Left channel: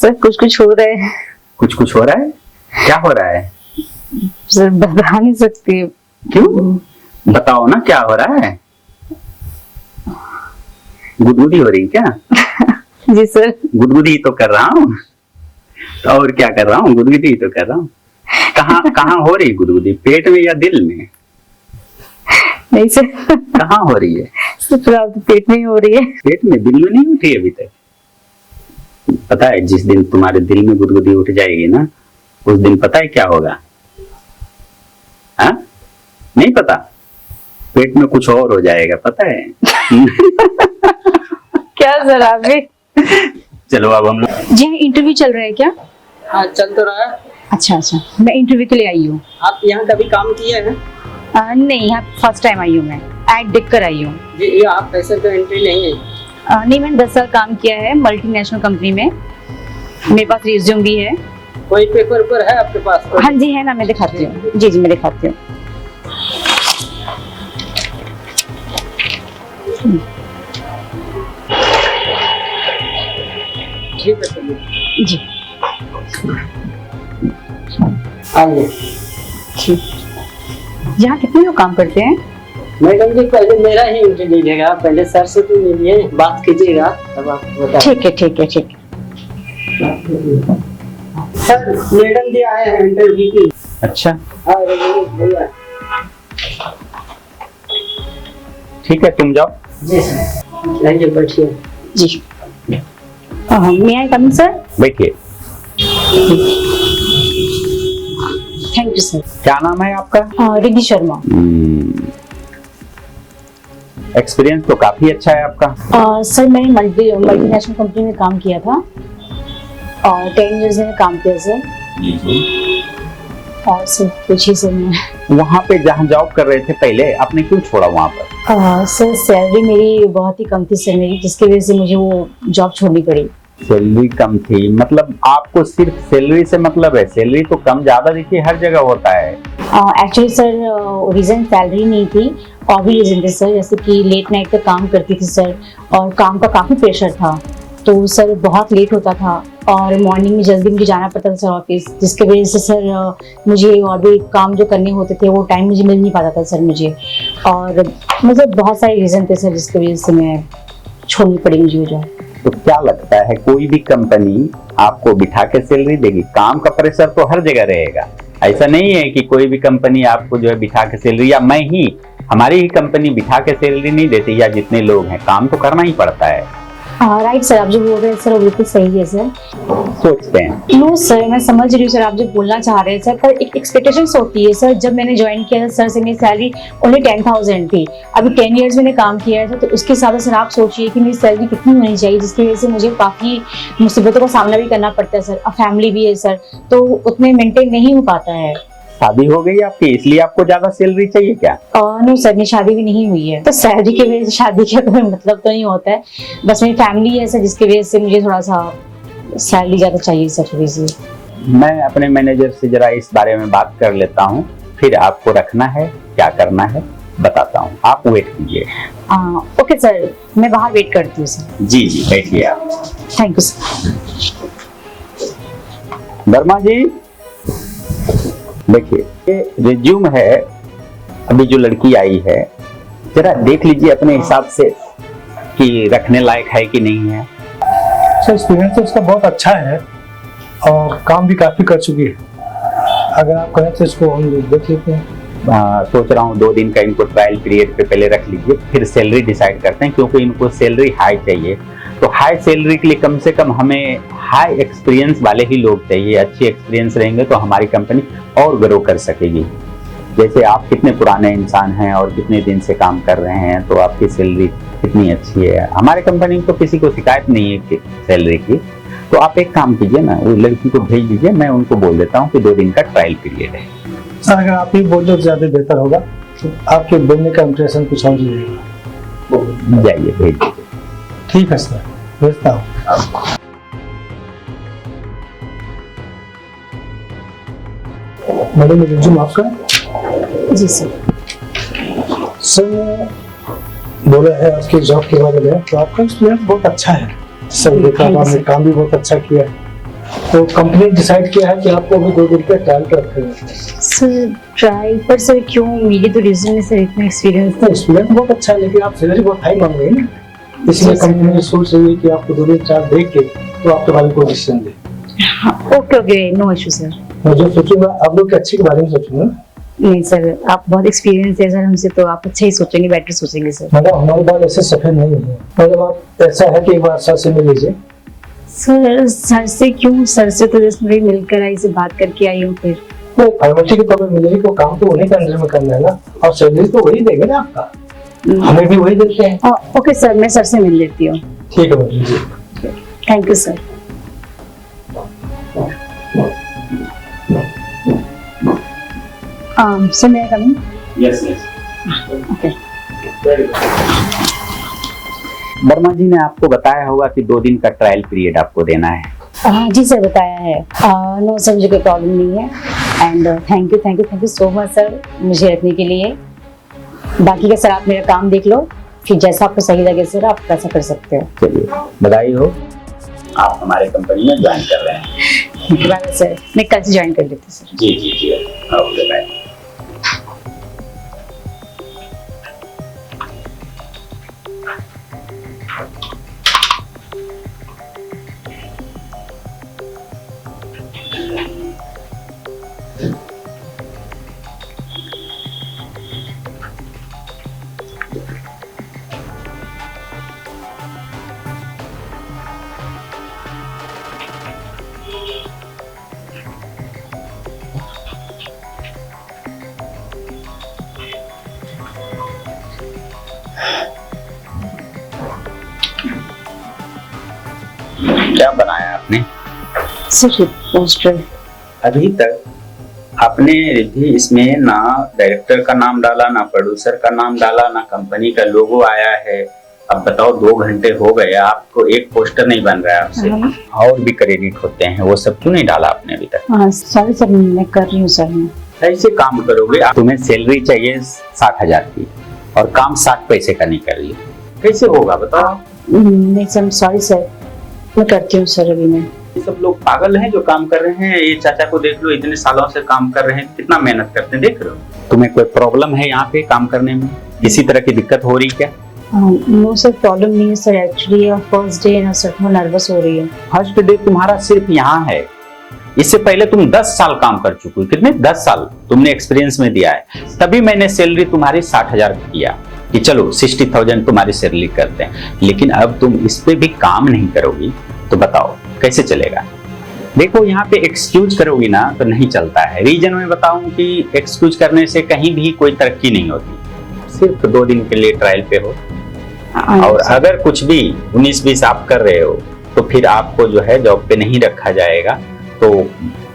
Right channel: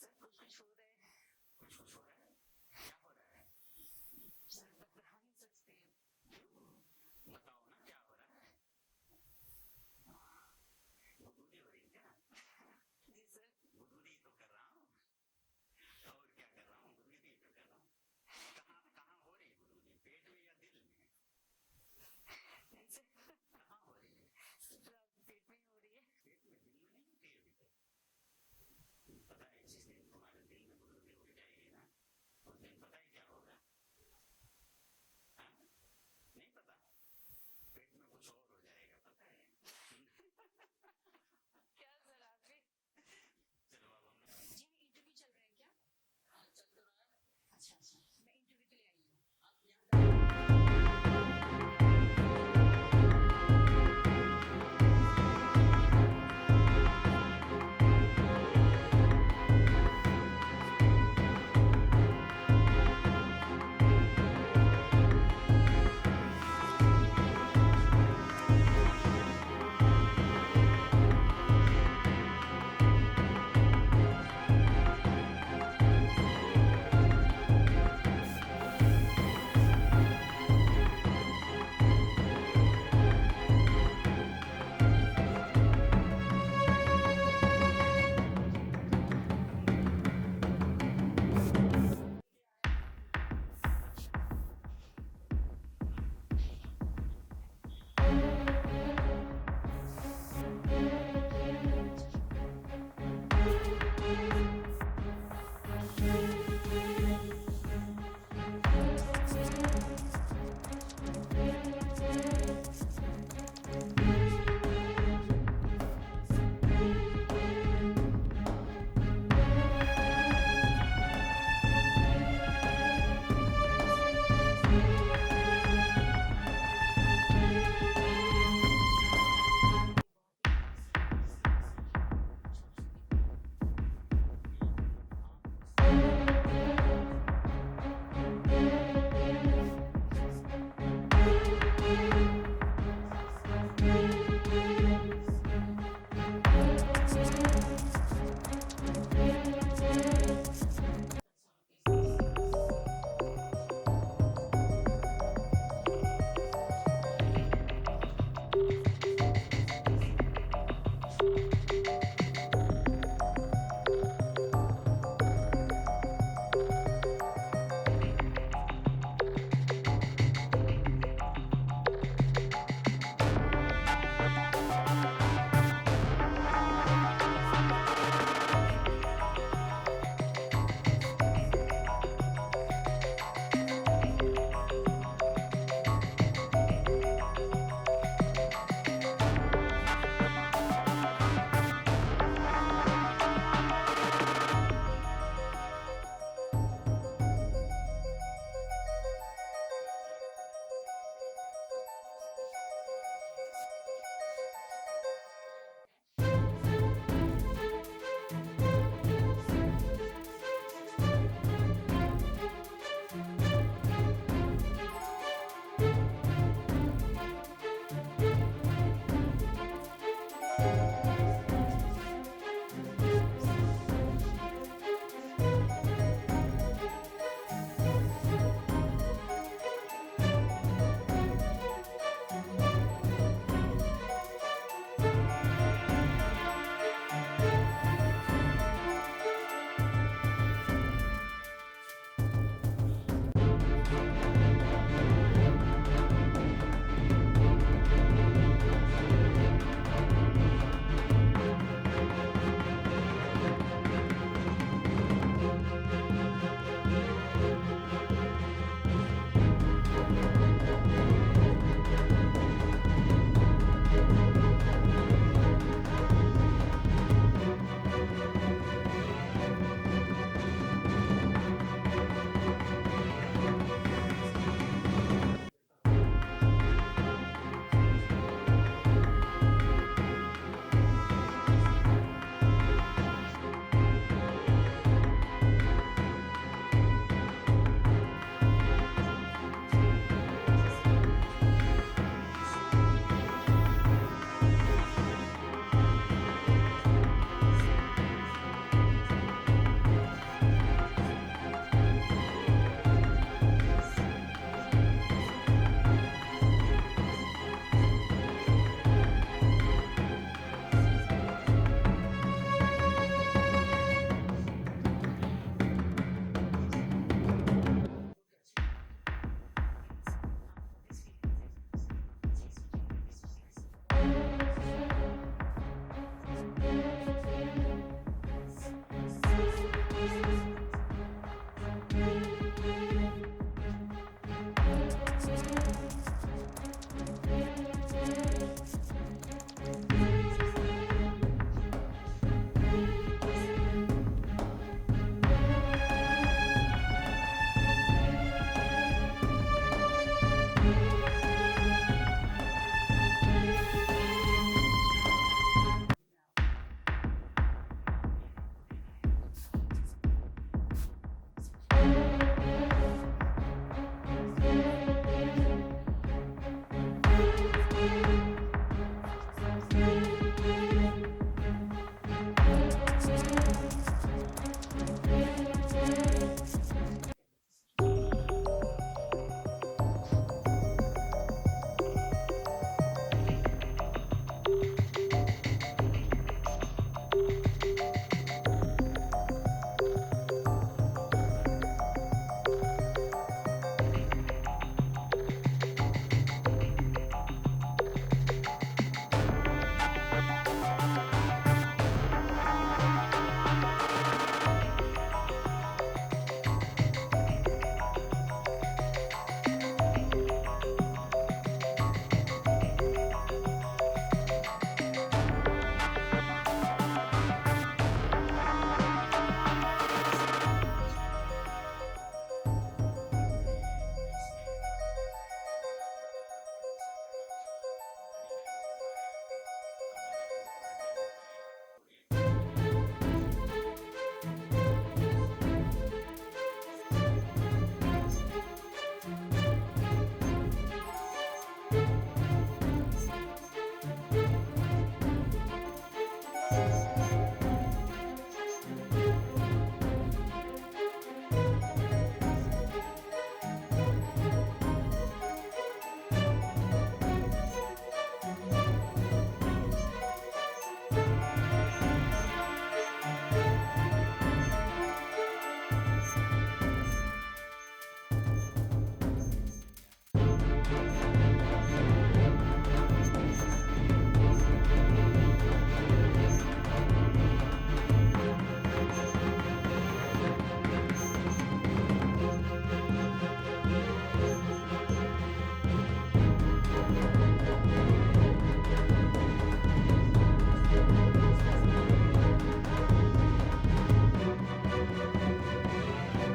Sir कुछ कुछ हो रहा है। कुछ कुछ हो रहा है? क्या हो रहा है? सर बता नहीं सकती। क्यों? बताओ ना क्या हो रहा है। गुदगुदी हो रही क्या? जी सर। गुदगुदी तो कर रहा हूँ। तो और क्या कर रहा हूँ? गुदगुदी तो कर रहा हूँ। कहाँ कहाँ हो रही गुदगुदी? पेट में या दिल में? नहीं सर। कहाँ हो रही है? सर फिलहाल तो पेट में ही हो रही है। पेट में? दिल में नहीं उठी अभी तक? पता है जिस दिन तुम्हारे दिल में गुदगुदी उठ जाएगी ना, उस दिन पता है क्या होगा? हाँ? नहीं पता? पेट में कुछ और हो जाएगा, पता है? क्या सर आप भी? चलो अब हम लोग। जी इंटरव्यू चल रहा है क्या? हाँ चल तो रहा है। अच्छा अच्छा, मैं इंटरव्यू के लिए आई हूँ। आप यहाँ कभी काम किए हैं? नहीं, यहाँ फर्स्ट टाइम आई हूँ। मैं ऐड देख कर आई हूँ। जी ये आप पैसे तो एंट्री नहीं है। नहीं, मैंने 10 साल काम किया है मल्टीनेशनल कंपनी में। मेरे पास रिज्यूम भी है। कोई पेपर ऊपर है आपके पास? हाँ जी है ना, मैं दिखाती हूँ। जी जी मैं दिखाती हूँ। ठीक है चलिए। जी आइए। यहाँ कितने लोग काम करते हैं? मैडम जी पहले मेरा ही इंटरव्यू लीजिएगा, पहले सर से तो मिलिए, बात कीजिएगा तब आपको बता। ठीक है ठीक है ठीक है। सर मैडम जी आए हैं इंटरव्यू की। अच्छा हाँ भैया। ठीक है, तुम जाओ। जी सर आइए बैठिए। जी मैं आई कमिंग सर? बैठिए। Thank you sir. क्या नाम है आपका? रिद्धि शर्मा। एक्सपीरियंस तो काफी अच्छा है आपका। सर मैंने मल्टीनेशनल कंपनी में काम किया था और 10 इयर्स मैंने काम किया सर। और सर कुछ ही सर मैं वहाँ पे जहाँ जॉब कर रहे थे पहले, आपने क्यों छोड़ा वहाँ पर? सर सैलरी मेरी बहुत ही कम थी सर मेरी, जिसकी वजह से मुझे वो जॉब छोड़नी पड़ी। सैलरी कम थी मतलब आपको सिर्फ सैलरी से मतलब है? सैलरी तो कम ज्यादा देखिए हर जगह होता है। एक्चुअली सर रीजन सैलरी नहीं थी, और भी रीजन थे सर, जैसे कि लेट नाइट तक काम करती थी सर, और काम का काफ़ी प्रेशर था, तो सर बहुत लेट होता था और मॉर्निंग में जल्दी मुझे जाना पड़ता था सर ऑफिस, जिसकी वजह से सर मुझे और भी काम जो करने होते थे वो टाइम मुझे मिल नहीं पाता था सर मुझे, और मतलब बहुत सारे रीज़न थे सर जिसकी वजह से मैं छोड़नी पड़ी मुझे जॉब। तो क्या लगता है कोई भी कंपनी आपको बिठा के सैलरी देगी? काम का प्रेशर तो हर जगह रहेगा, ऐसा नहीं है कि कोई भी कंपनी आपको जो है बिठा के सैलरी, या मैं ही हमारी ही कंपनी बिठा के सैलरी नहीं देती, या जितने लोग हैं काम तो करना ही पड़ता है। राइट सर, आप जो बोल रहे हैं सर वो बिल्कुल सही है सर। सोचते हैं नो सर, मैं समझ रही हूँ सर आप जो बोलना चाह रहे हैं सर, पर एक एक्सपेक्टेशंस होती है सर। जब मैंने ज्वाइन किया था सर से मेरी सैलरी ओनली 10,000 थी, अभी 10 इयर्स मैंने काम किया है, तो उसके हिसाब से सर आप सोचिए कि मेरी सैलरी कितनी होनी चाहिए, जिसकी वजह से मुझे काफ़ी मुसीबतों का सामना भी करना पड़ता है सर, और फैमिली भी है सर, तो उतने मेंटेन नहीं हो पाता है। शादी हो गई आपकी इसलिए आपको ज्यादा सैलरी चाहिए क्या? नहीं सर, मेरी शादी भी नहीं हुई है, तो सैलरी की वजह से शादी का कोई मतलब तो नहीं होता है, बस मेरी फैमिली है सर जिसकी वजह से मुझे थोड़ा सा सैलरी ज्यादा चाहिए सर थोड़ी सी। मैं अपने मैनेजर से जरा इस बारे में बात कर लेता हूँ, फिर आपको रखना है क्या करना है बताता हूँ, आप वेट कीजिए। ओके सर, मैं बाहर वेट करती हूँ सर। जी जी बैठिए आप। Thank you sir. Verma ji देखिए, ये रिज्यूम है, अभी जो लड़की आई है जरा देख लीजिए अपने हिसाब से कि रखने लायक है कि नहीं है। सर एक्सपीरियंस तो उसका बहुत अच्छा है और काम भी काफी कर चुकी है, अगर आप कहें तो इसको हम देख लेते हैं। सोच रहा हूँ 2 दिन का इनको ट्रायल पीरियड पे पहले रख लीजिए, फिर सैलरी डिसाइड करते हैं, क्योंकि इनको सैलरी हाई चाहिए, तो हाई सैलरी के लिए कम से कम हमें हाई एक्सपीरियंस वाले ही लोग चाहिए। अच्छी एक्सपीरियंस रहेंगे तो हमारी कंपनी और ग्रो कर सकेगी। जैसे आप कितने पुराने इंसान हैं और कितने दिन से काम कर रहे हैं, तो आपकी सैलरी कितनी अच्छी है। हमारे कंपनी में तो किसी को शिकायत नहीं है सैलरी की, तो आप एक काम कीजिए ना, वो लड़की को भेज दीजिए, मैं उनको बोल देता हूँ कि 2 दिन का ट्रायल पीरियड है। सर अगर आप ही बोल दो तो ज्यादा बेहतर होगा, तो आपके बोलने का इंप्रेशन कुछ और रहेगा। जाइए भेज दीजिए। ठीक है सर, भेजता हूँ। मैडम रिज्यूम आपका? जी सर। सर बोला है आपके जॉब के बारे में, तो आपका एक्सपीरियंस बहुत अच्छा है सर, देखा आपने काम भी बहुत अच्छा किया है, तो कंपनी ने डिसाइड किया है कि आपको अभी 2 दिन का ट्रायल पे रखेंगे। सर ट्राई पर सर क्यों, मेरी तो रीजन में सर इतना एक्सपीरियंस तो स्टूडेंट बहुत अच्छा है, लेकिन आप सैलरी बहुत हाई मांग रहे हैं ना, इसलिए कंपनी ने सोच रही है कि आपको 2 दिन ट्रायल देख के तो आपके बारे में कोई डिसीजन दे। Okay okay, no issue sir. मैं जो सोचूंगा आप लोग के अच्छे के बारे में सोचूंगा। नहीं सर, आप बहुत एक्सपीरियंस है सर हमसे, तो आप अच्छा ही सोचेंगे, बेटर सोचेंगे सर। मतलब हमारे बाल ऐसे सफेद नहीं है, मतलब आप ऐसा है कि एक बार सर से मिल लीजिए। सर से क्यों? सर से तो जस्ट मेरी मिलकर आई, से बात करके आई हूँ फिर। तो फॉर्मेलिटी के तौर पर मिलेगी, तो काम तो उन्हीं के अंदर में करना है ना, और सैलरी तो वही देंगे ना आपका, हमें भी वही देते हैं। ओके सर, मैं सर से मिल लेती हूँ। ठीक है मैडम जी। Thank you sir. सर मैं come. Yes okay. Verma ji ने आपको बताया होगा कि 2 दिन का ट्रायल पीरियड आपको देना है। जी सर, बताया है। नो सर, मुझे कोई प्रॉब्लम नहीं है। And thank you so much sir मुझे रखने के लिए। बाकी का सर आप मेरा काम देख लो, फिर जैसा आपको सही लगे सर आप वैसा कर सकते हो। चलिए, बधाई हो, आप हमारे कंपनी में ज्वाइन कर रहे हैं। बाय सर, मैं कल से ज्वाइन कर लेती हूँ सर। जी ओके बाय। क्या बनाया आपने? Sir poster. अभी तक आपने रिद्धि इसमें ना डायरेक्टर का नाम डाला, ना प्रोड्यूसर का नाम डाला, ना कंपनी का लोगो आया है। अब बताओ 2 घंटे हो गए, आपको एक पोस्टर नहीं बन रहा है आपसे। और भी क्रेडिट होते हैं, वो सब क्यों नहीं डाला आपने अभी तक? सॉरी सर, मैं कर रही हूँ सर। ऐसे काम करोगे, तुम्हें सैलरी चाहिए 60,000 की और काम 60 पैसे का नहीं कर रही, कैसे होगा बताओ? नहीं सर, सॉरी सर, मैं करती हूँ सर। अभी मैं ये सब लोग पागल हैं जो काम कर रहे हैं। ये चाचा को देख लो, इतने सालों से काम कर रहे हैं, कितना मेहनत करते हैं, देख रहे हो। तुम्हें कोई प्रॉब्लम है यहाँ पे काम करने में? किसी तरह की दिक्कत हो रही क्या? नो सर, प्रॉब्लम नहीं है सर। एक्चुअली फर्स्ट डे ना सर, मैं नर्वस हो रही हूँ। फर्स्ट डे तुम्हारा सिर्फ यहाँ है, इससे पहले तुम 10 साल काम कर चुकी हो। कितने? 10 साल तुमने एक्सपीरियंस में दिया है, तभी मैंने सैलरी तुम्हारी 60,000 किया कि चलो 60,000 तुम्हारी सैलरी करते हैं। लेकिन अब तुम इस पे भी काम नहीं करोगी तो बताओ कैसे चलेगा? देखो यहाँ पे एक्सक्यूज करोगी ना तो नहीं चलता है। रीजन में बताऊं कि एक्सक्यूज करने से कहीं भी कोई तरक्की नहीं होती। सिर्फ 2 दिन के लिए ट्रायल पे हो, और अगर कुछ भी 19-20 आप कर रहे हो तो फिर आपको जो है जॉब पे नहीं रखा जाएगा। तो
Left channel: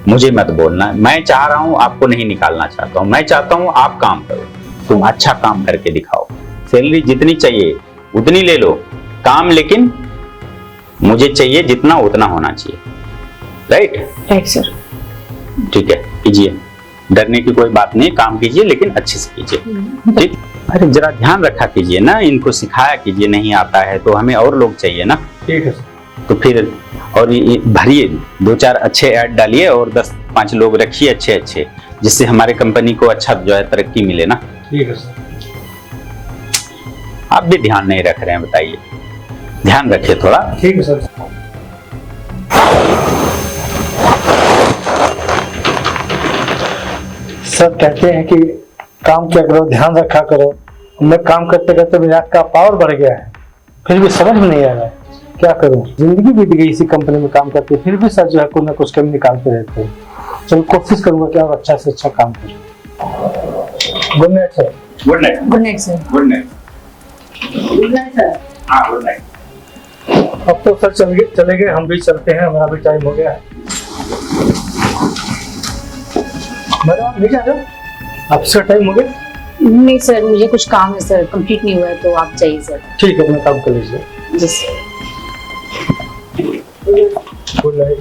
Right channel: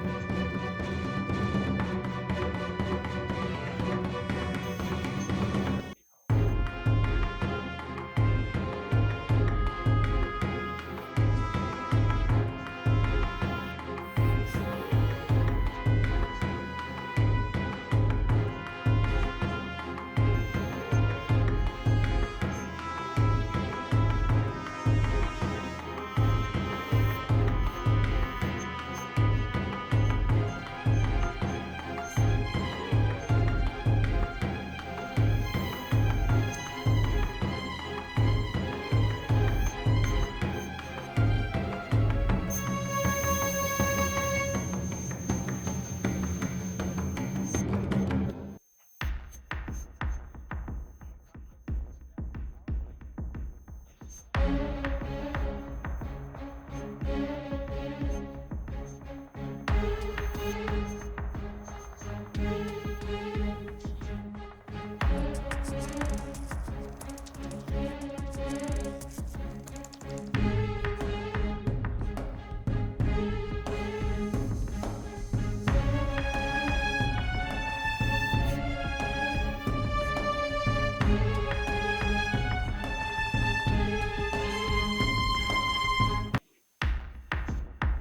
मुझे मत बोलना, मैं चाह रहा हूँ आपको नहीं निकालना चाहता हूँ। मैं चाहता हूँ आप काम करो, तुम अच्छा काम करके दिखाओ। सैलरी जितनी चाहिए उतनी ले लो, काम लेकिन मुझे चाहिए जितना उतना होना चाहिए। Right sir. ठीक है, कीजिए, डरने की कोई बात नहीं, काम कीजिए लेकिन अच्छे से कीजिए। ठीक, अरे जरा ध्यान रखा कीजिए ना, इनको सिखाया कीजिए। नहीं आता है तो हमें और लोग चाहिए ना। ठीक है। तो फिर और ये भरिए, 2-4 अच्छे ऐड डालिए और 10-5 लोग रखिए अच्छे, जिससे हमारे कंपनी को अच्छा जो है तरक्की मिले ना। ठीक है सर। आप भी ध्यान नहीं रख रहे हैं, बताइए, ध्यान रखिए थोड़ा। ठीक है सर। सब कहते हैं कि काम क्या करो, ध्यान रखा करो। मैं काम करते करते मेरा का पावर बढ़ गया है, फिर भी समझ में नहीं आ रहा है क्या करूं। जिंदगी बीत गई इसी कंपनी में काम करते, फिर भी सर जो है कुछ ना कुछ कमी निकालते रहते हैं। चलो कोशिश करूंगा कि और अच्छा से अच्छा काम करूं। Good night sir. Good night. Good night sir. Good night. Good night sir. हाँ, गुड नाइट। अब तो सर चले गए, हम भी चलते हैं, हमारा भी टाइम हो गया है। मैडम आप नीचे आ जाओ, आपका टाइम हो गया। नहीं सर, मुझे कुछ काम है सर, कंप्लीट नहीं हुआ है, तो आप जाइए सर। ठीक है, अपना काम कर लीजिए। जी सर। Good night.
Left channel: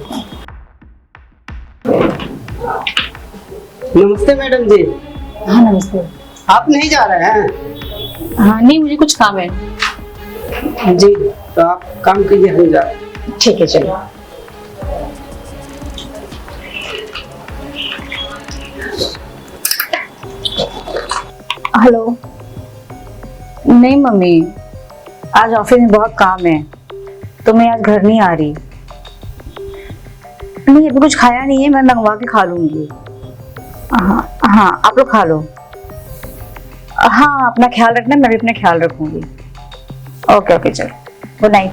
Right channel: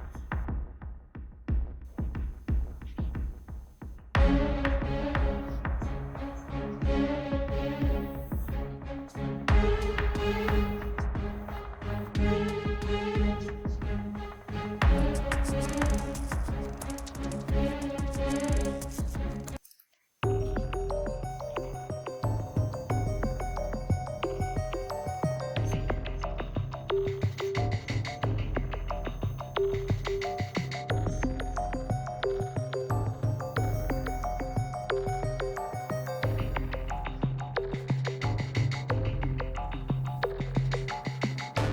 नमस्ते मैडम जी। हाँ नमस्ते। आप नहीं जा रहे हैं? हाँ नहीं, मुझे कुछ काम है। जी, तो आप काम कीजिए, हम जा रहे हैं। ठीक है चलो। हेलो। नहीं मम्मी, आज ऑफिस में बहुत काम है तो मैं आज घर नहीं आ रही। नहीं अभी कुछ खाया नहीं है, मैं मंगवा के खा लूंगी। हाँ हाँ आप लोग खा लो। हाँ अपना ख्याल रखना, मैं भी अपना ख्याल रखूंगी। ओके ओके चलो, गुड नाइट।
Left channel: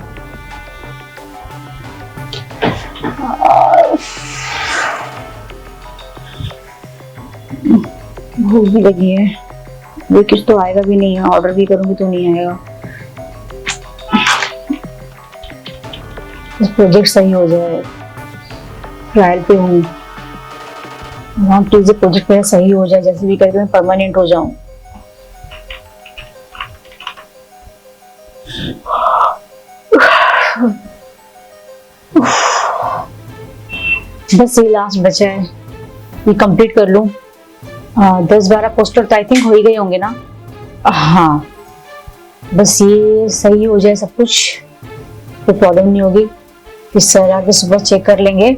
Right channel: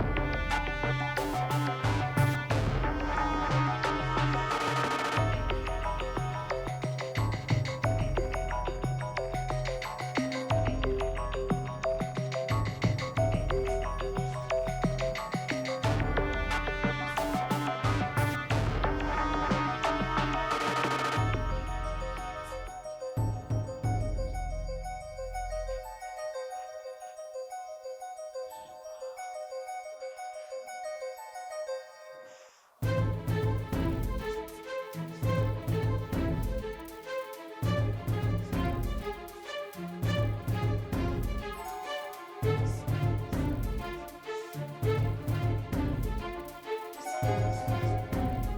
भूख भी लगी है, ये कुछ तो आएगा भी नहीं है, ऑर्डर भी करूंगी तो नहीं आएगा। प्रोजेक्ट सही हो जाए, ट्रायल पे हूँ, प्लीज प्रोजेक्ट मेरा सही हो जाए, जैसे भी करके मैं परमानेंट हो जाऊं। बस ये लास्ट बचा है, ये कंप्लीट कर लूं। 10-12 पोस्टर तो आई थिंक हो ही गए होंगे ना। हाँ बस ये सही हो जाए सब कुछ, कोई प्रॉब्लम नहीं होगी। फिर सर आगे सुबह चेक कर लेंगे।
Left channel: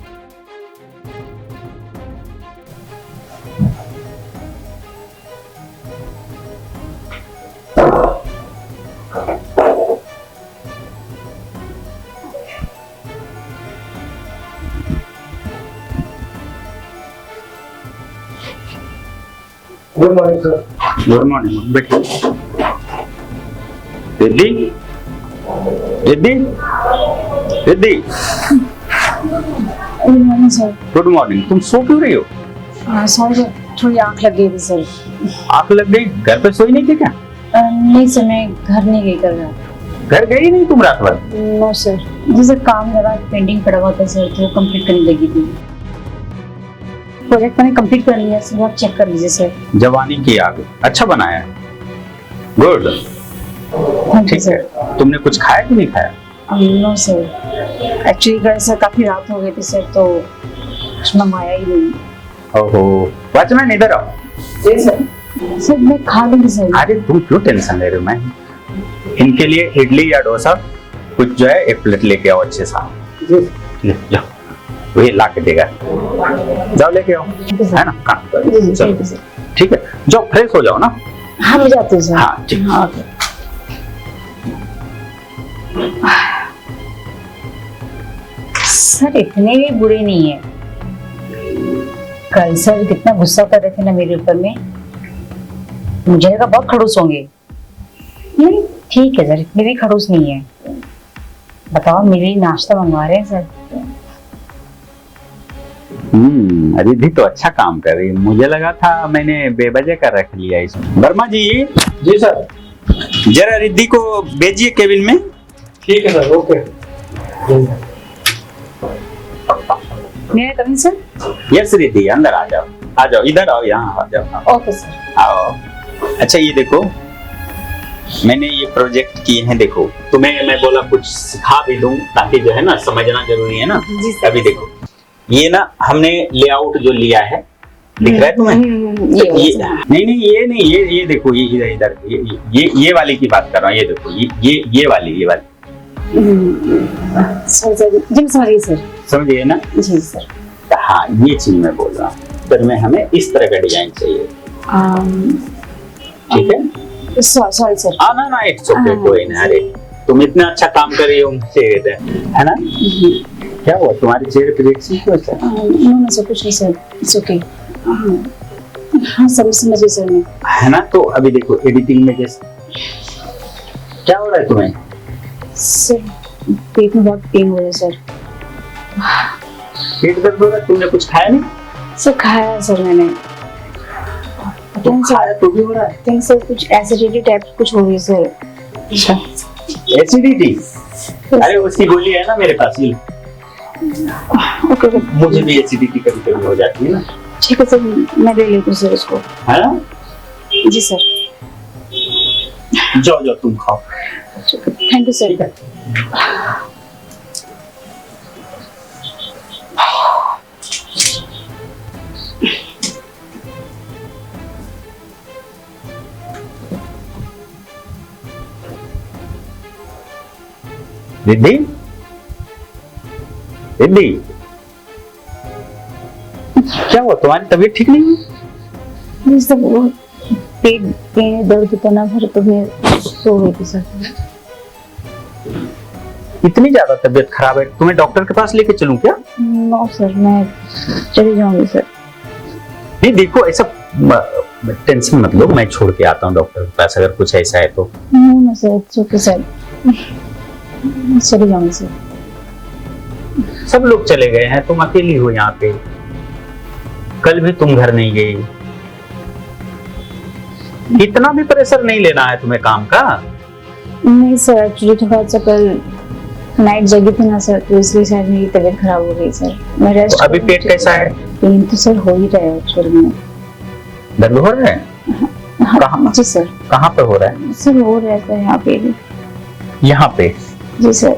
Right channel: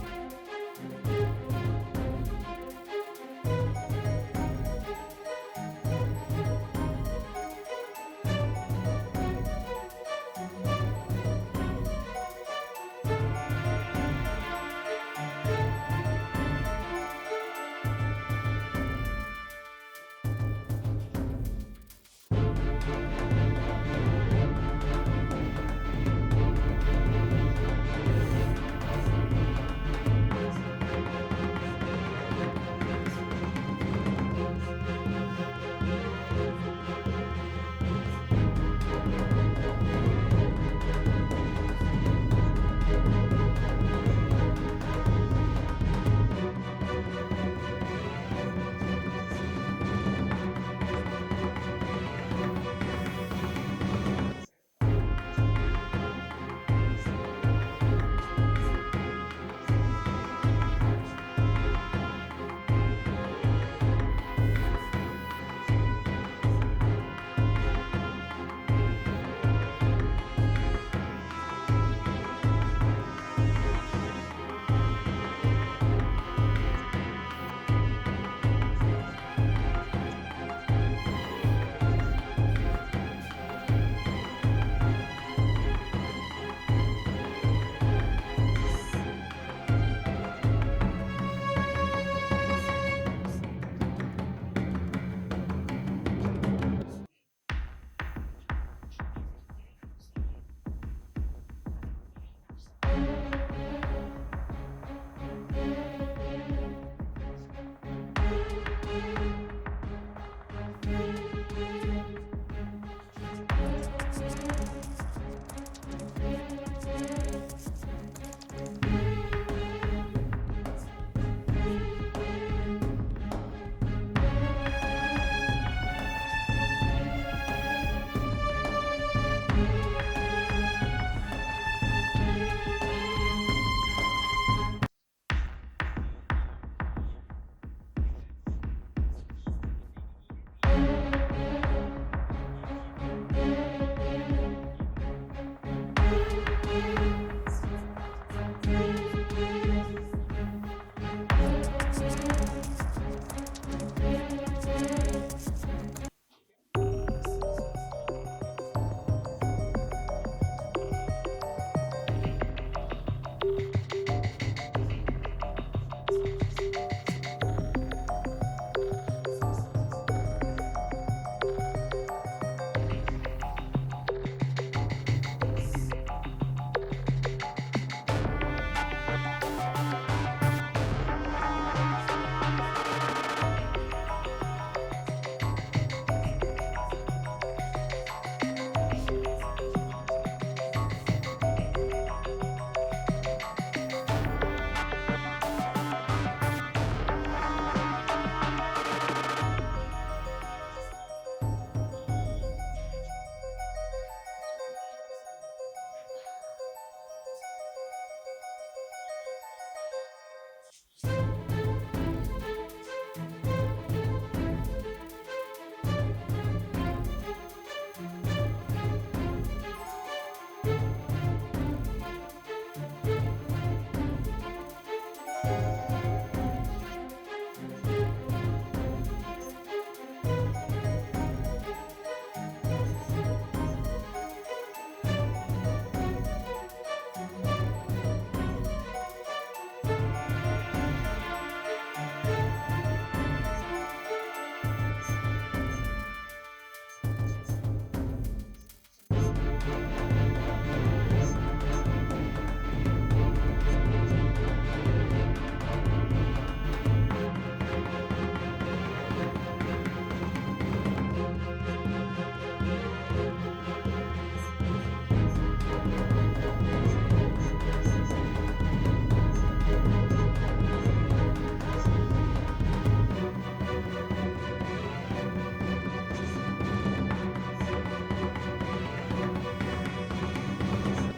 Good morning sir. Good morning बेटी। Riddhi Riddhi Riddhi, sir good morning. तुम सो क्यों रही हो? सॉरी सर, थोड़ी आंख लग गई थी सर। आंख लग गई? घर पे सोई नहीं थी क्या? नहीं सर, मैं घर नहीं गई कल रात। घर गई नहीं तुम रात भर? नो सर, जैसे काम लगा पेंडिंग पड़ा हुआ था सर, तो कंप्लीट करने लगी थी। प्रोजेक्ट मैंने कंप्लीट कर लिया सर, आप चेक कर लीजिए सर। जवानी की आग, अच्छा बनाया है, गुड। ठीक है, तुमने कुछ खाया कि नहीं खाया? नो सर, एक्चुअली कल सर काफी रात हो गई थी सर, तो कुछ मंगाया ही नहीं। ओहो, वॉचमैन इधर आओ। जी सर। सर मैं खा लूंगी सर। अरे तुम क्यों टेंशन ले रहे हो? मैं इनके लिए इडली या डोसा कुछ जो है एक प्लेट लेके आओ अच्छे सा। जाओ, वही ला के देगा, जाओ लेके आओ, है ना? हाँ चलो ठीक है, जाओ फ्रेश हो जाओ ना। हाँ मैं जाती हूँ सर। हाँ ठीक। हाँ सर इतने भी बुरे नहीं है। कल सर कितना गुस्सा कर रहे थे ना मेरे ऊपर में, मुझे लगा बहुत खड़ूस होंगे। नहीं ठीक है सर, इतने भी खड़ूस नहीं है। बताओ मेरे लिए नाश्ता मंगवा रहे हैं सर। रिद्धि तो अच्छा काम कर रही है, मुझे लगा था मैंने बेवजह कर रख लिया इसमें। वर्मा जी। जी सर। जरा रिद्धि को भेजिए केबिन में। ठीक है सर, ओके। मेरा कमिंग सर। यस रिद्धि, अंदर आ जाओ, इधर आओ, यहाँ आ जाओ। Okay sir. आओ। अच्छा ये देखो, मैंने ये प्रोजेक्ट किए हैं, देखो तुम्हें मैं बोला कुछ सिखा भी दूं ताकि जो है ना समझना जरूरी है ना। जी सर। अभी देखो ये ना हमने लेआउट जो लिया है, दिख रहा है तुम्हें? ये नहीं ये देखो, ये इधर ये वाली की बात कर रहा हूँ। ये देखो ये वाली सर सर जी समझ गई सर। समझिए ना? जी सर। हाँ ये चीज मैं बोल रहा हूँ, फिर में हमें इस तरह का डिजाइन चाहिए, ठीक है? Sorry sir. ना इट्स ओके, कोई ना। अरे तुम इतना अच्छा काम कर रही हो मुझसे, है ना? क्या हुआ तुम्हारे चेहरे पे रिएक्शन क्यों है? नो सर कुछ नहीं सर, इट्स ओके। हाँ समझ गई सर मैं, है ना? तो अभी देखो एडिटिंग में जैसे क्या हो रहा है तुम्हें? सर पेट में बहुत पेन हो रहा है सर। पेट दर्द हो रहा है? तुमने कुछ खाया नहीं? सर खाया सर मैंने। तुम खाया तो भी हो रहा है? थिंक सर कुछ एसिडिटी टाइप कुछ हो रही है सर। अच्छा एसिडिटी? अरे उसकी गोली है ना मेरे पास, ओके मुझे भी एसिडिटी कभी कभी हो जाती है ना। ठीक है सर, मैं ले लेती हूँ सर उसको। है ना? जी सर। जाओ तुम खाओ। Thank you sir. Riddhi Riddhi, क्या हुआ? तुम्हारी तबीयत ठीक नहीं है? सर पेट में दर्द होता ना सर, तो मैं सो गई थी सर। इतनी ज्यादा तबीयत खराब है, तुम्हें डॉक्टर के पास लेके चलूं क्या? नो सर, मैं चली जाऊंगी सर। नहीं देखो, ऐसा टेंशन मत लो, मैं छोड़ के आता हूँ डॉक्टर के पास अगर कुछ ऐसा है तो। No sir, it's okay sir, चली जाऊंगी सर। सब लोग चले गए हैं, तुम अकेली हो यहाँ पे। कल भी तुम घर नहीं गई। इतना भी प्रेशर नहीं लेना है तुम्हें काम का। नहीं सर, एक्चुअली थोड़ा सा कल नाइट जगी थी ना सर, तो इसलिए शायद मेरी तबीयत खराब हो गई सर। मैं रेस्ट। तो अभी पेट कैसा है? पेन तो सर हो ही रहा है एक्चुअली में। दर्द हो रहा है? कहाँ? जी सर। कहाँ पे हो रहा है? सर हो रहा है यहाँ पे भी। यहाँ पे? जी सर।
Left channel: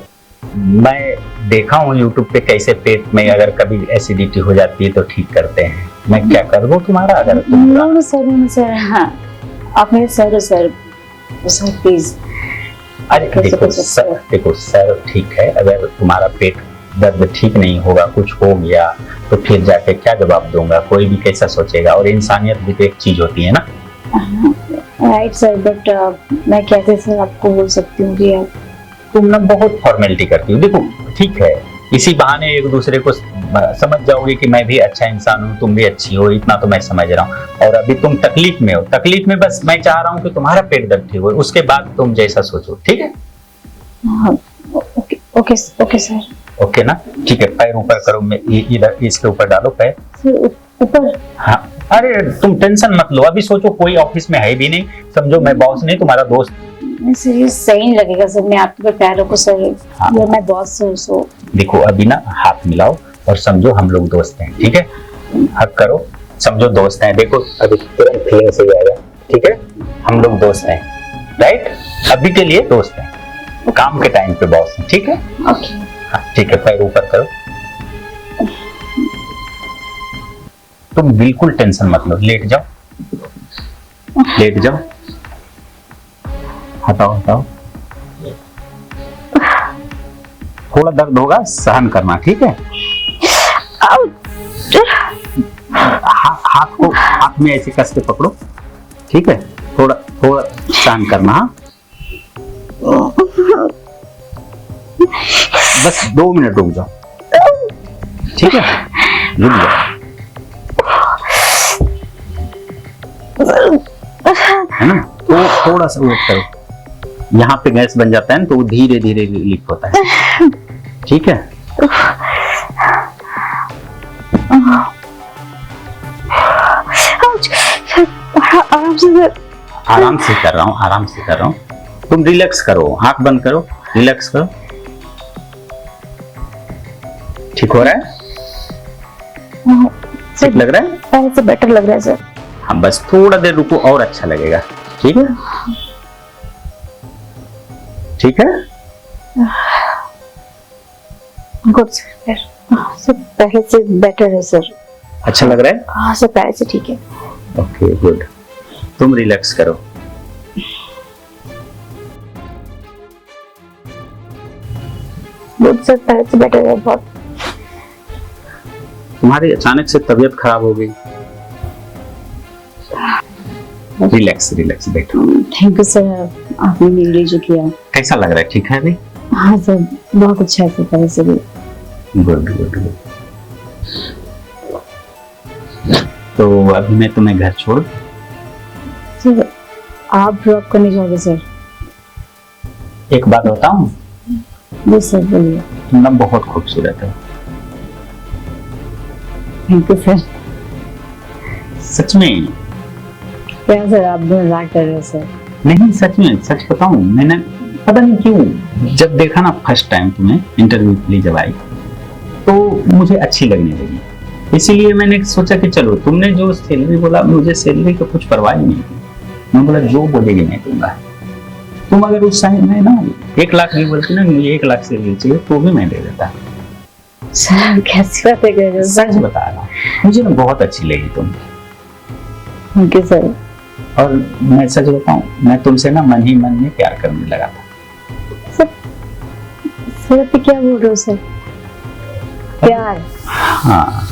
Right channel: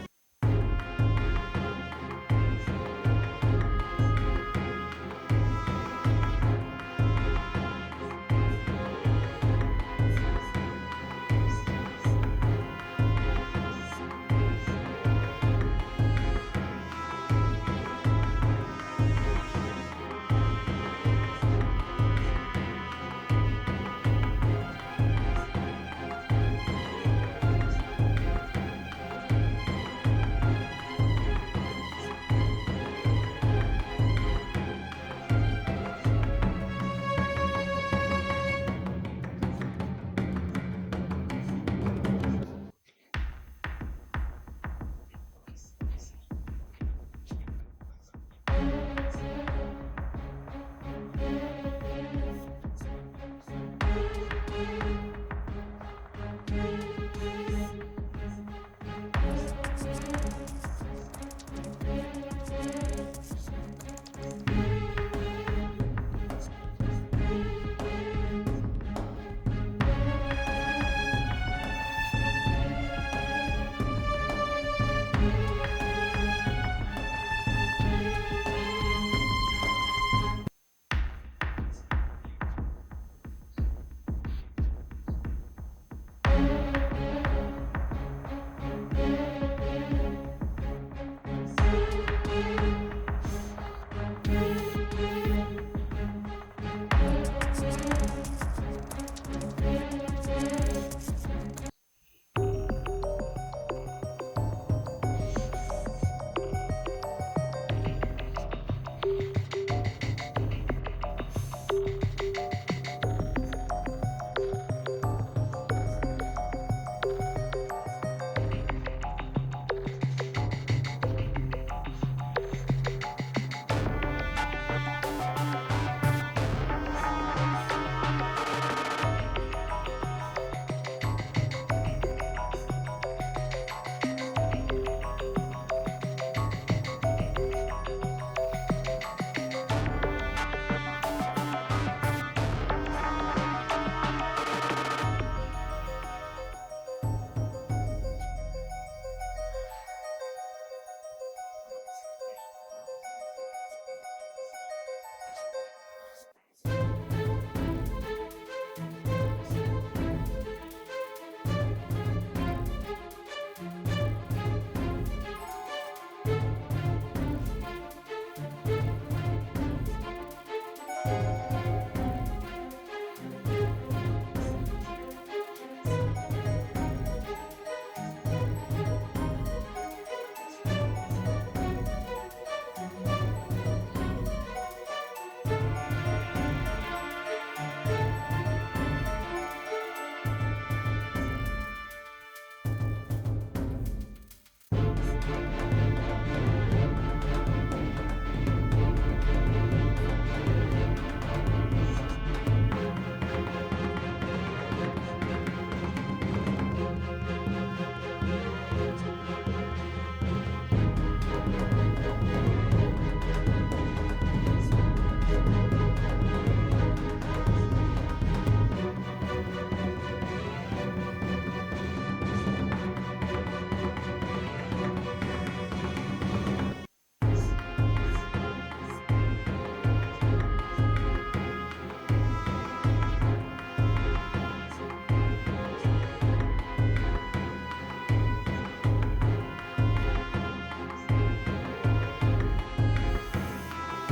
मैं देखा हूँ YouTube पे कैसे पेट में अगर कभी एसिडिटी हो जाती है तो ठीक करते हैं। मैं क्या कर दूँ तुम्हारा अगर तुम? नो सर, हाँ आप मेरे सर हो सर, प्लीज। अरे देखो सर ठीक है, अगर तुम्हारा पेट दर्द ठीक नहीं होगा, कुछ हो गया तो फिर जाके क्या जवाब दूंगा, कोई भी कैसा सोचेगा। और इंसानियत भी तो एक चीज होती है ना। राइट सर, बट मैं कैसे सर आपको बोल सकती हूँ कि आप तुम ना बहुत फॉर्मेलिटी करती हो। देखो ठीक है, इसी बहाने एक दूसरे को समझ जाओगे कि मैं भी अच्छा इंसान हूँ, तुम भी अच्छी हो, इतना तो मैं समझ रहा हूँ। और अभी तुम तकलीफ में हो, तकलीफ में बस मैं चाह रहा हूँ कि तुम्हारा पेट दर्द ठीक हो, उसके बाद तुम जैसा सोचो। ठीक है? Okay sir. ओके ना? ठीक है, पैर ऊपर करो, मैं इधर इसके ऊपर डालो पैर। ऊपर? हाँ, अरे तुम टेंशन मत लो, अभी सोचो कोई ऑफिस में है भी नहीं, समझो मैं बॉस नहीं, तुम्हारा दोस्त। सर ये सही नहीं लगेगा सर, मैं आपके पैर रखूं सर। हाँ। ये मैं बॉस सर। सो देखो अभी ना हाथ मिलाओ और समझो हम लोग दोस्त हैं। ठीक है? हक करो, समझो दोस्त हैं। देखो अभी तुरंत फीलिंग से आएगा। ठीक है? हम लोग दोस्त हैं, राइट? अभी के लिए दोस्त हैं, काम के टाइम पे बॉस हैं। ठीक है? ओके। हाँ ठीक है, पैर ऊपर करो। तुम बिल्कुल टेंशन मत लो, लेट जाओ, लेट जाओ। हटाओ। थोड़ा दर्द होगा, सहन करना। ठीक है? हाथ में ऐसे कस के पकड़ो। ठीक है? थोड़ा सहन करना। बस 2 मिनट रुक जाओ। ठीक है? रुक जाओ, है ना? तो थोड़ा सा वेट करो, यहाँ पे गैस बन जाता है ना, तो वो धीरे धीरे लीक होता है। ठीक है? आराम से कर रहा हूँ। तुम रिलैक्स करो, आंख बंद करो, रिलैक्स करो। ठीक हो रहा है? ठीक लग रहा है? पहले से बेटर लग रहा है सर। हाँ बस थोड़ा देर रुको और अच्छा लगेगा। ठीक है? ठीक है? गुड सर, सर पहले से बेटर है सर। अच्छा लग रहा है? हाँ सर, पहले से ठीक है। ओके गुड, तुम रिलैक्स करो। गुड सर, पहले से बेटर है बहुत। तुम्हारी अचानक से तबीयत खराब हो गई। रिलैक्स बैठो। थैंक यू सर, आपने मेरे लिए जो किया। कैसा लग रहा है? ठीक है अभी? हाँ सर, बहुत अच्छा है सर, पहले से भी। गुड। तो अभी मैं तुम्हें घर छोड़। सर आप ड्रॉप करने जाओगे सर? एक बात बताऊं? जी सर बोलिए। तुम ना बहुत खूबसूरत है। Thank you sir. सच में? क्या सर आप मजाक कर रहे हो सर? नहीं सच में, सच बताऊं, मैंने पता नहीं क्यों जब देखा ना फर्स्ट टाइम तुम्हें इंटरव्यू के लिए जब आई, तो मुझे अच्छी लगने लगी। इसीलिए मैंने सोचा कि चलो, तुमने जो सैलरी बोला, मुझे सैलरी का कुछ परवाह ही नहीं। मैं बोला जो बोलेगी मैं दूंगा। तुम अगर उस टाइम में ना 1 लाख भी बोलती ना, मुझे 1 लाख सैलरी चाहिए, तो भी मैं दे देता। सर कैसी बातें कर रहे हो? सच बता रहा हूँ, मुझे ना बहुत अच्छी लगी तुम। Thank you sir. और मैं सच बताऊं, मैं तुमसे ना मन ही मन में प्यार करने लगा था। सर आप क्या बोल रहे हो सर? प्यार? हाँ।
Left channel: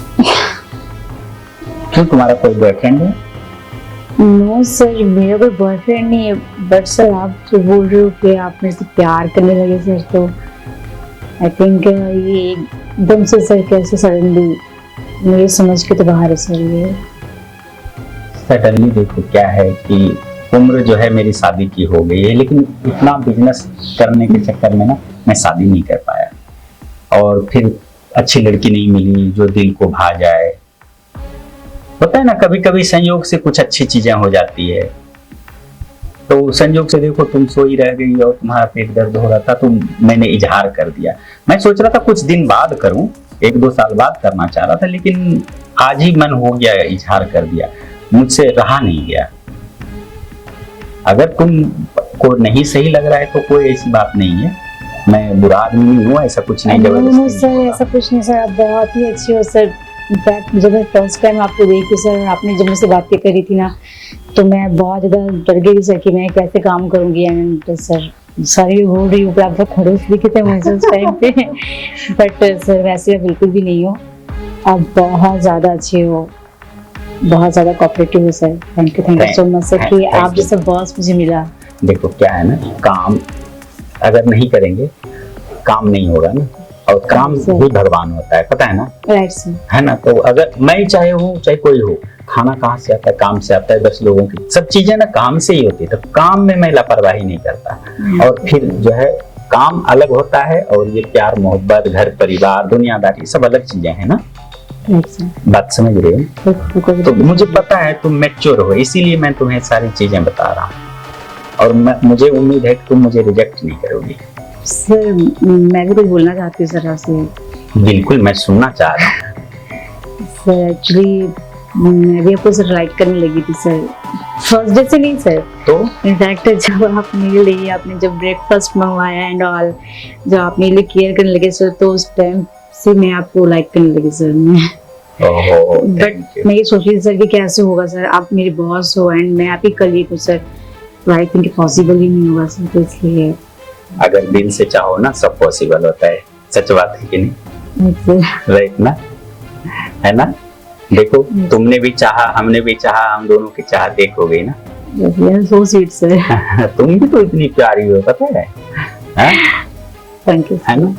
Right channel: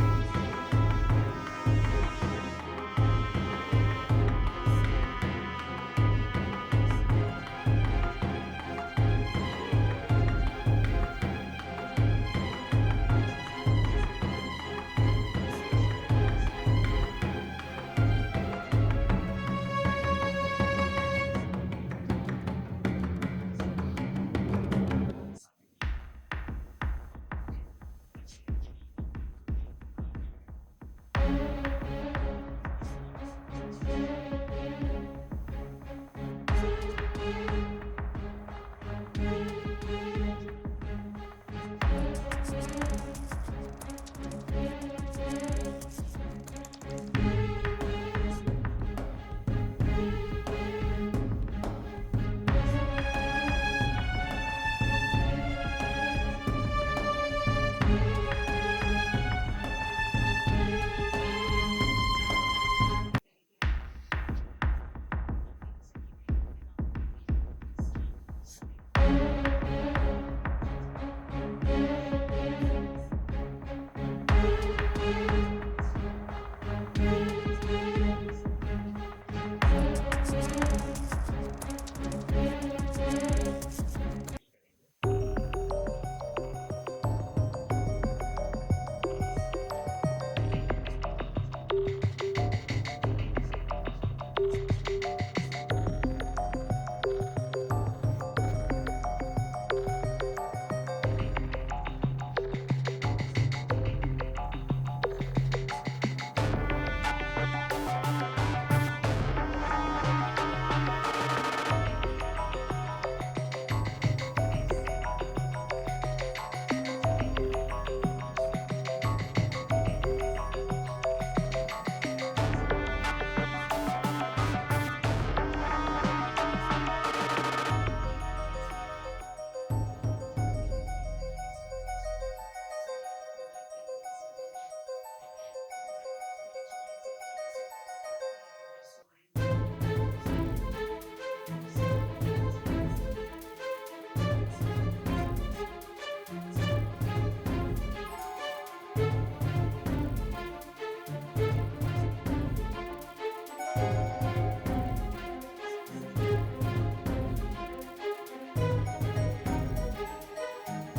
क्यों, तुम्हारा कोई बॉयफ्रेंड है? नो सर, मेरा कोई बॉयफ्रेंड नहीं है, बट सर आप जो बोल रहे हो कि आप मेरे से प्यार करने लगे सर, तो आई थिंक ये एकदम से सर कैसे सडनली मेरे समझ के तो बाहर है सर ये। सडनली देखो क्या है कि उम्र जो है मेरी शादी की हो गई है, लेकिन इतना बिजनेस करने के चक्कर में ना मैं शादी नहीं कर पाया, और फिर अच्छी लड़की नहीं मिली जो दिल को भा जाए। होता है ना कभी कभी संयोग से कुछ अच्छी चीजें हो जाती है। तो संयोग से देखो तुम सोई रह गई और तुम्हारा पेट दर्द हो रहा था, तो मैंने इजहार कर दिया। मैं सोच रहा था कुछ दिन बाद करूं, 1-2 साल बाद करना चाह रहा था, लेकिन आज ही मन हो गया, इजहार कर दिया, मुझसे रहा नहीं गया। अगर तुम को नहीं सही लग रहा है तो कोई ऐसी बात नहीं है, मैं बुरा आदमी नहीं हूँ, ऐसा कुछ नहीं। नहीं सर, ऐसा कुछ नहीं सर, आप बहुत ही अच्छे हो सर। इनफैक्ट जब मैं फर्स्ट टाइम आपको देखी सर, आपने जब मुझसे बातें करी थी ना, तो मैं बहुत ज़्यादा डर गई सर कि मैं कैसे काम करूँगी। एंड सर सॉरी हो रही हूँ, आप सब खड़े दिखे थे मुझे उस टाइम पे, बट सर वैसे बिल्कुल भी नहीं हो, आप बहुत ज़्यादा अच्छे हो, बहुत ज़्यादा कोऑपरेटिव हो sir. Thank you so much sir कि आप जैसा बॉस मुझे मिला। देखो क्या है ना, काम अगर नहीं करेंगे काम नहीं होगा ना, और काम भी भगवान होता है, पता है ना, राइट सर, है ना। तो अगर मैं चाहे हूँ चाहे कोई हो, खाना कहाँ से आता है, काम से आता है। 10 लोगों की सब चीजें ना काम से ही होती है, तो काम में मैं लापरवाही नहीं करता। और फिर जो है काम अलग होता है, और ये प्यार मोहब्बत घर परिवार दुनियादारी सब अलग चीजें हैं ना। बात समझ रहे हो? तो मुझे पता है तुम मैच्योर हो, इसीलिए मैं तुम्हें सारी चीजें बता रहा हूँ, और मुझे उम्मीद है कि तुम मुझे रिजेक्ट नहीं करोगी। सर मैं भी कुछ बोलना चाहती हूँ सर आपसे। बिल्कुल, मैं सुनना चाह रहा हूँ। सर एक्चुअली मैं भी आपको सर लाइक करने लगी थी सर, फर्स्ट डे से नहीं सर। तो इनफैक्ट जब आप मेरे लिए आपने जब ब्रेकफास्ट मंगवाया एंड ऑल, जब आप मेरे लिए केयर करने लगे सर, तो उस टाइम से मैं आपको लाइक करने लगी सर। बट मैं ये सोच रही थी सर कि कैसे होगा सर, आप मेरे बॉस हो एंड मैं आप ही कलीग हूँ सर, तो आई थिंक पॉसिबल ही नहीं होगा सर। तो इसलिए अगर दिल से चाहो ना सब पॉसिबल होता है, सच बात है कि नहीं? राइट ना, है ना। देखो तुमने भी चाहा, हमने भी चाहा, हम दोनों की चाह देख हो गई ना। So sweet sir. तुम भी तो इतनी प्यारी हो, पता है? थैंक यू, है ना।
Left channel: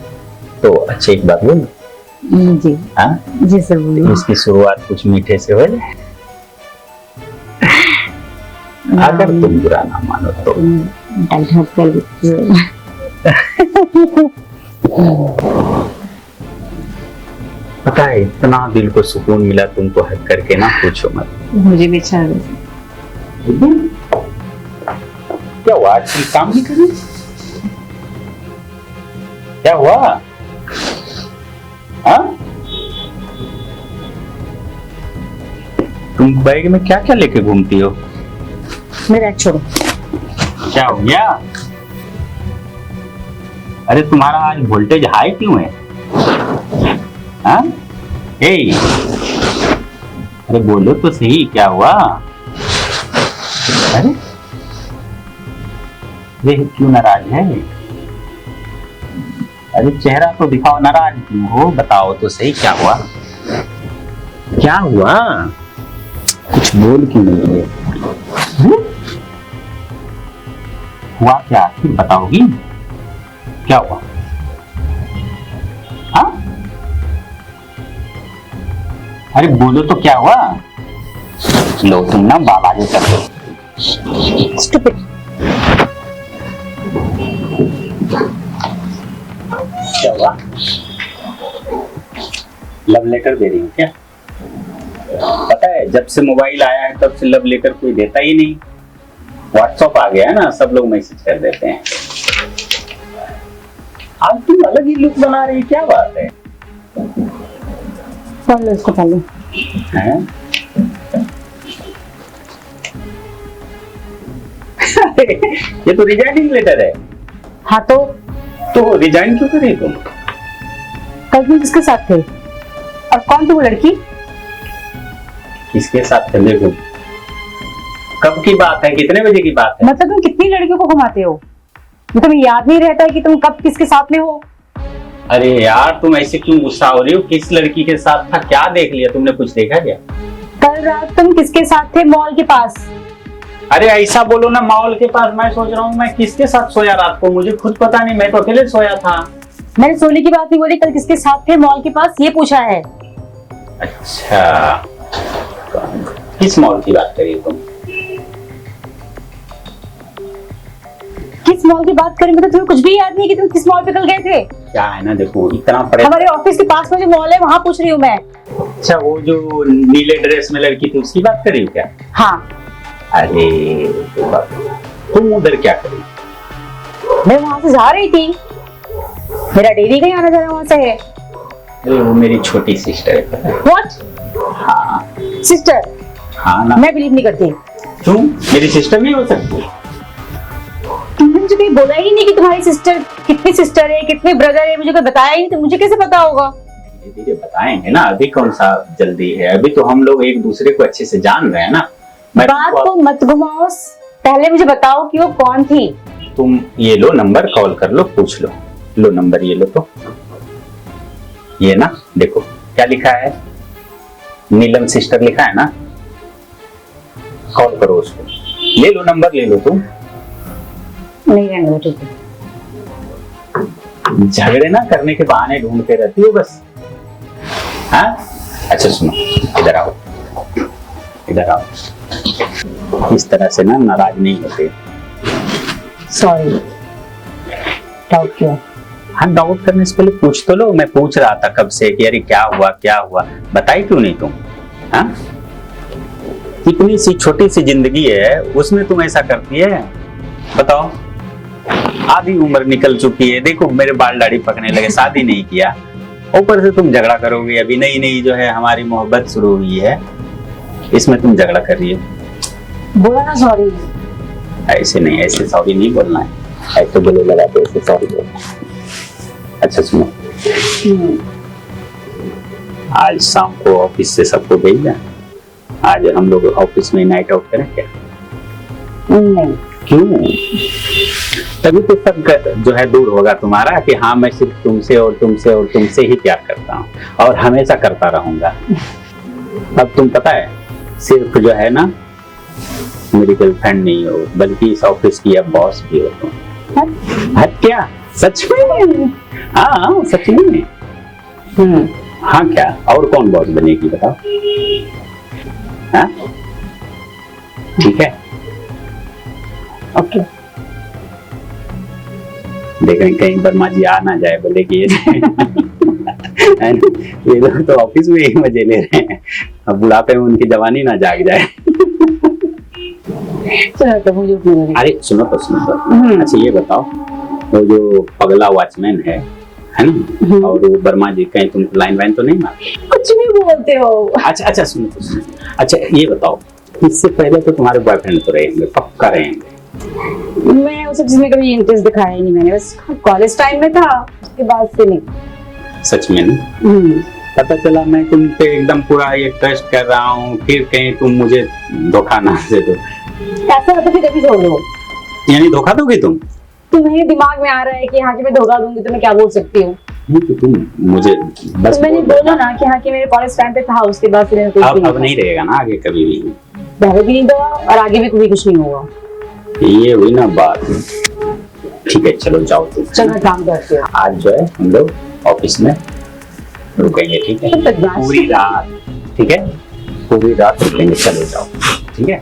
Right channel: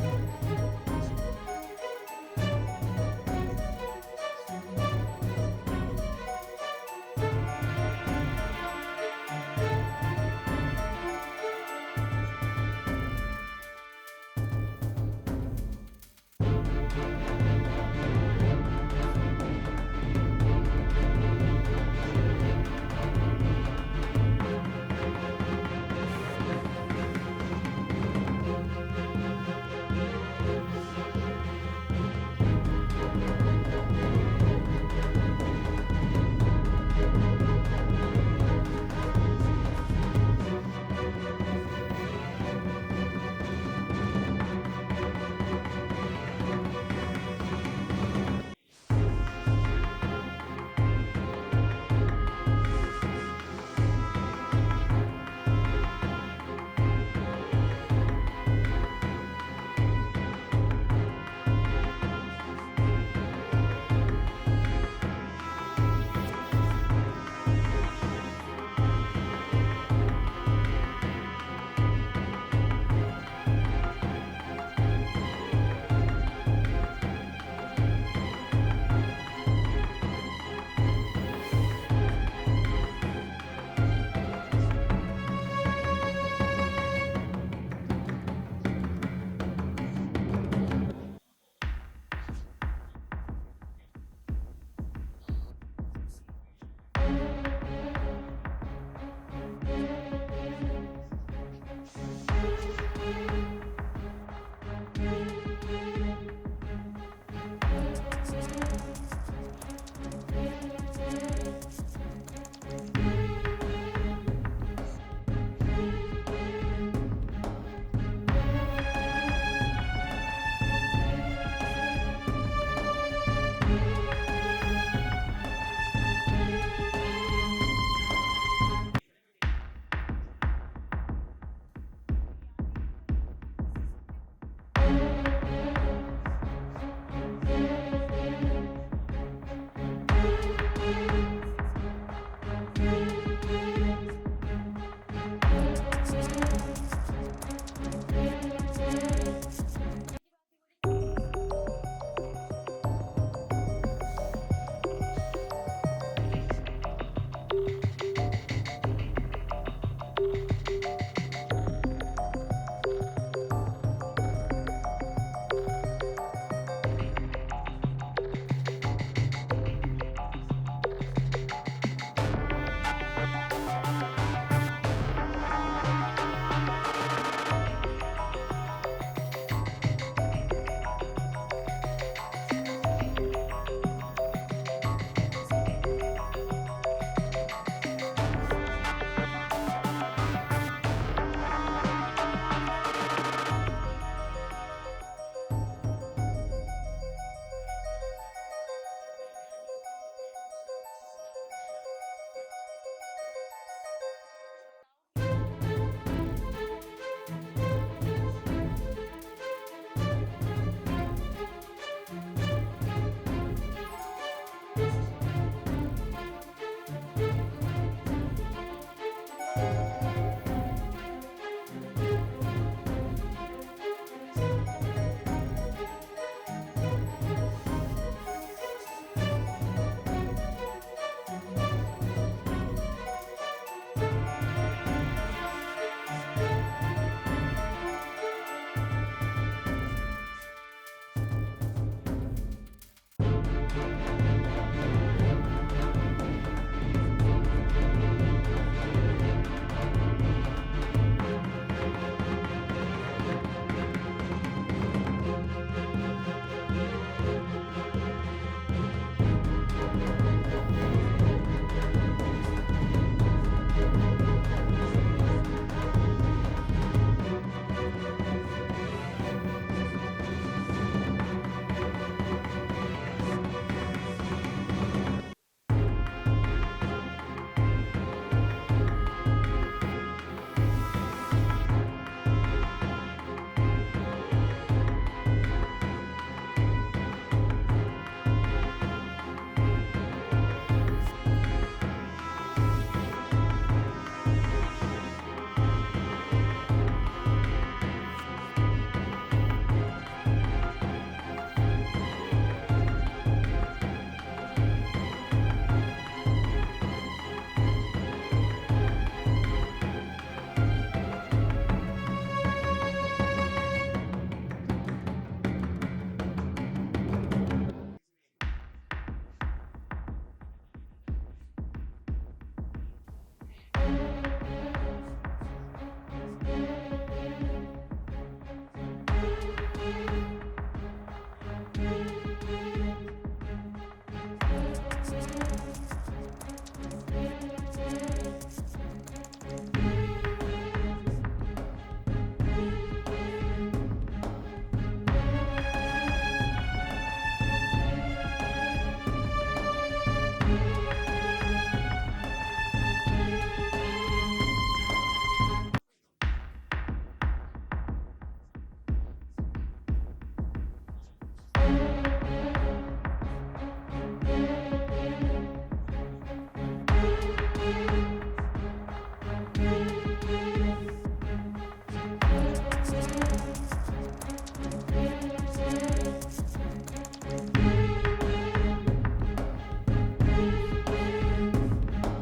तो अच्छी एक बात बोल जी। हाँ जी सर बोलिए। इसकी शुरुआत कुछ मीठे से हो जाए, अगर तुम बुरा ना मानो तो। पता है इतना दिल को सुकून मिला तुमको हक करके ना, पूछो मत। मुझे भी अच्छा क्या हुआ, आज तुम काम नहीं करी? क्या हुआ? हाँ? तुम बैग में क्या क्या लेके घूमती हो? मेरा छोड़ो। क्या हो गया? अरे तुम्हारा आज वोल्टेज हाई क्यों है? हाँ? अरे बोलो तो सही, क्या हुआ? अरे क्यों नाराज है? अरे चेहरा तो दिखाओ, नाराज क्यों हो? बताओ तो सही, क्या हुआ? क्या हुआ? कुछ बोल क्यों नहीं है? हुआ क्या? फिर बताओगी क्या हुआ? हाँ? अरे बोलो तो क्या हुआ? लो तुम ना बाबाजी कर दो। स्टूपिड। क्या हुआ? लव लेटर दे रही हूँ क्या? पता है जब से मोबाइल आया है तब से लव लेटर कोई देता ही नहीं। व्हाट्सएप आ गया है ना, सब लोग मैसेज कर देते हैं। आज तुम अलग ही लुक बना रही, क्या बात है? पढ़ लो इसको पहले। हैं? ये तो रिजाइनिंग लेटर है। हाँ तो रिजाइन क्यों करी तुम? कल तुम किसके साथ थे और कौन थी वो लड़की? किसके साथ चले हो? कब की बात है? कितने बजे की बात है? मतलब तुम कितनी लड़कियों को घुमाते हो? तुम्हें याद नहीं रहता है कि तुम कब किसके साथ में हो? अरे यार तुम ऐसे क्यों गुस्सा हो रही हो? किस लड़की के साथ था? क्या देख लिया तुमने? कुछ देखा क्या? कल रात तुम किसके साथ थे मॉल के पास? अरे ऐसा बोलो ना, मॉल के पास। मैं सोच रहा हूँ मैं किसके साथ सोया रात को, मुझे खुद पता नहीं, मैं तो अकेले सोया था। मैंने सोने की बात नहीं बोली, कल किसके साथ थे मॉल के पास ये पूछा है। अच्छा, किस मॉल की बात करी तुम? किस मॉल की बात करें, मतलब तुम्हें कुछ भी याद नहीं कि तुम किस मॉल पे कल गए थे? क्या है ना, देखो इतना परे। हमारे ऑफिस के पास में जो मॉल है वहाँ पूछ रही हूँ मैं। अच्छा, वो जो नीले ड्रेस में लड़की थी उसकी बात करी क्या? हाँ। अरे तुम उधर क्या करी? मैं वहाँ से जा रही थी, मेरा डेली का आना जाना वहाँ से है। अरे वो मेरी छोटी सिस्टर है। व्हाट? हाँ सिस्टर? हाँ ना। मैं बिलीव नहीं करती। क्यों, मेरी सिस्टर नहीं हो सकती? तुमने मुझे कहीं बोला ही नहीं कि तुम्हारी सिस्टर कितनी सिस्टर है, कितने ब्रदर है, मुझे कोई बताया ही नहीं, तो मुझे कैसे पता होगा? धीरे धीरे बताएंगे ना, अभी कौन सा जल्दी है, अभी तो हम लोग एक दूसरे को अच्छे से जान रहे हैं ना। बात को मत घुमाओ, पहले मुझे बताओ कि वो कौन थी। तुम ये लो नंबर, कॉल कर लो, पूछ लो। लो नंबर, ये लो। तो ये ना देखो क्या लिखा है, नीलम सिस्टर लिखा है ना, कॉल करो उसको। ले लो नंबर, ले लो। तुम नहीं रहने दो, ठीक है। झगड़े ना करने के बहाने ढूंढते रहती हो बस। हाँ अच्छा सुनो, इधर आओ, इधर आओ। इस तरह से ना नाराज नहीं होते। सॉरी, डाउट किया। हाँ, डाउट करने से पहले पूछ तो लो। मैं पूछ रहा था कब से कि अरे क्या हुआ क्या हुआ, बताई क्यों नहीं तुम? हाँ, इतनी सी छोटी सी जिंदगी है, उसमें तुम ऐसा करती है? बताओ, आधी उम्र निकल चुकी है, देखो मेरे बाल दाढ़ी पकने लगे, शादी नहीं किया, ऊपर से तुम झगड़ा करोगे। अभी नई नई जो है हमारी मोहब्बत शुरू हुई है, इसमें तुम झगड़ा कर रही है। बोला ना सॉरी। ऐसे नहीं, ऐसे सॉरी नहीं बोलना है, ऐसे गले लगा के ऐसे सॉरी बोलना। अच्छा सुनो, आज शाम को ऑफिस से सबको भेजना, आज हम लोग ऑफिस में नाइट आउट करें क्या? नहीं। क्यों? तभी तो सब जो है दूर होगा तुम्हारा कि हाँ मैं सिर्फ तुमसे और तुमसे और तुमसे ही प्यार करता हूँ और हमेशा करता रहूंगा। अब तुम पता है, सिर्फ जो है ना मेरी गर्लफ्रेंड नहीं हो, बल्कि इस ऑफिस की अब बॉस भी हो तुम। हट क्या, सच में? हाँ सच में। हाँ क्या, और कौन बॉस बनेगी बताओ? हाँ ठीक है, ओके। देख रहे कहीं वर्मा जी आ ना जाए, बोले कि ये लोग तो ऑफिस में ही मजे ले रहे हैं, अब बुढ़ापे में उनकी जवानी ना जाग जाए। अरे सुनो तो, सुनो तो। अच्छा ये बताओ, वो जो पगला वॉचमैन है ना, और वो वर्मा जी कहीं तुम लाइन वाइन तो नहीं मारते? कुछ भी बोलते हो। अच्छा अच्छा सुनो तो, सुनो। अच्छा ये बताओ, इससे पहले तो तुम्हारे बॉयफ्रेंड तो रहेंगे, पक्का रहेंगे? मैं उस चीज में कभी इंटरेस्ट दिखाया ही नहीं, मैंने बस कॉलेज टाइम में था, उसके बाद से नहीं। सच में नहीं? पता चला मैं तुम पे एकदम पूरा ये ट्रस्ट कर रहा हूँ, फिर कहीं तुम मुझे धोखा ना दे दो। ऐसा होता फिर कभी छोड़ दो। यानी धोखा दोगे तुम? तुम्हें दिमाग में आ रहा है कि हाँ कि मैं धोखा दूंगी तो मैं क्या बोल सकती हूँ? नहीं तो तुम मुझे बस तो मैंने बोला ना कि हाँ कि मेरे कॉलेज टाइम पे था, उसके बाद फिर अब नहीं रहेगा ना आगे कभी भी? पहले भी नहीं दो और आगे भी कभी कुछ नहीं होगा। ये हुई ना बात। ठीक है चलो जाओ तुम। चलो मैं काम करती हूँ। आज जो है हम लोग ऑफिस में रुकेंगे, ठीक है? पूरी रात, ठीक है? पूरी रात रुकेंगे, चलो जाओ, ठीक है?